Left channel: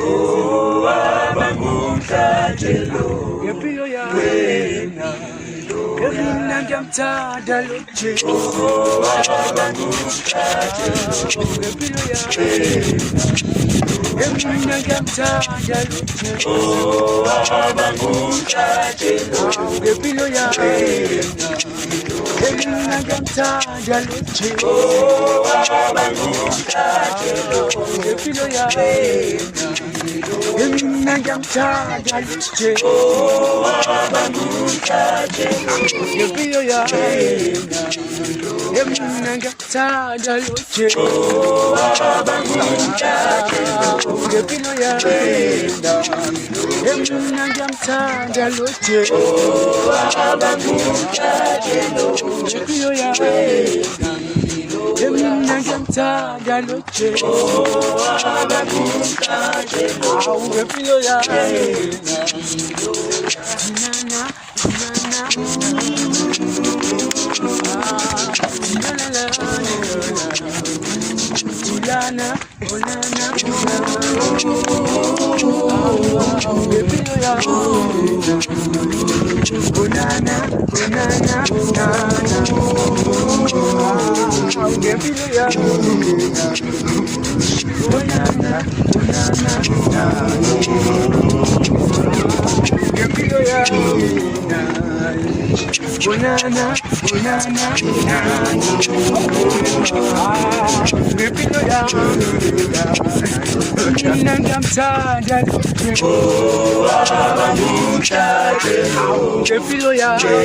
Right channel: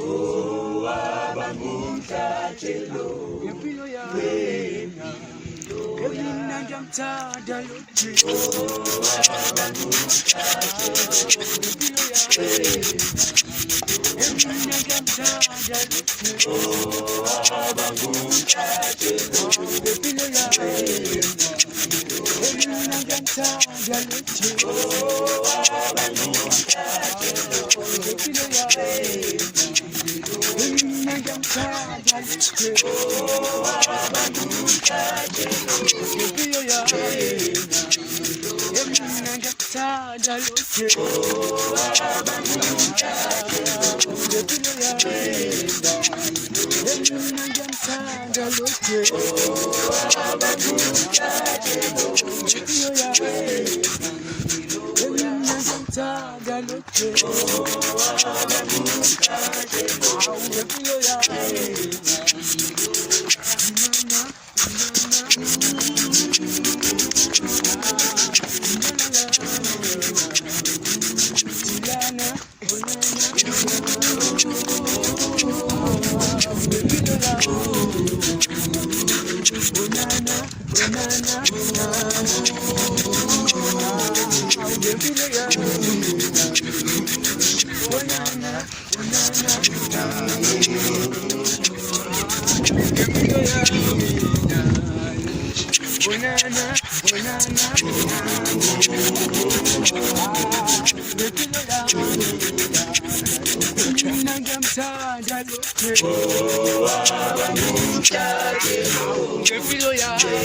Oh, abangumhlatshelo ngempilo yami wena mina ngiyamthanda lo Jesu Oh, abangumhlatshelo ngempilo yami mina ngiyamthanda lo Jesu Oh, abangumhlatshelo ngempilo yami mina ngiyamthanda lo Jesu Oh, abangumhlatshelo ngempilo yami mina ngiyamthanda lo Jesu Oh, abangumhlatshelo ngempilo yami mina ngiyamthanda lo Jesu Oh, abangumhlatshelo ngempilo yami mina ngiyamthanda lo Jesu Oh, abangumhlatshelo ngempilo yami mina ngiyamthanda lo Jesu ngempilo yami mina ngiyamthanda lo Jesu Oh, abangumhlatshelo ngempilo yami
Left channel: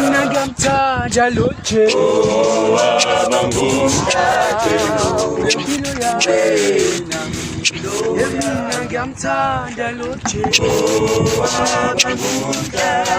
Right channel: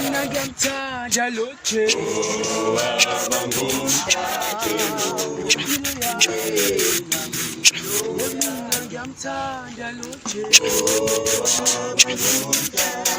mina ngiyamthanda lo Jesu Oh, abangumhlatshelo ngempilo yami mina ngiyamthanda lo Jesu Oh, abangumhlatshelo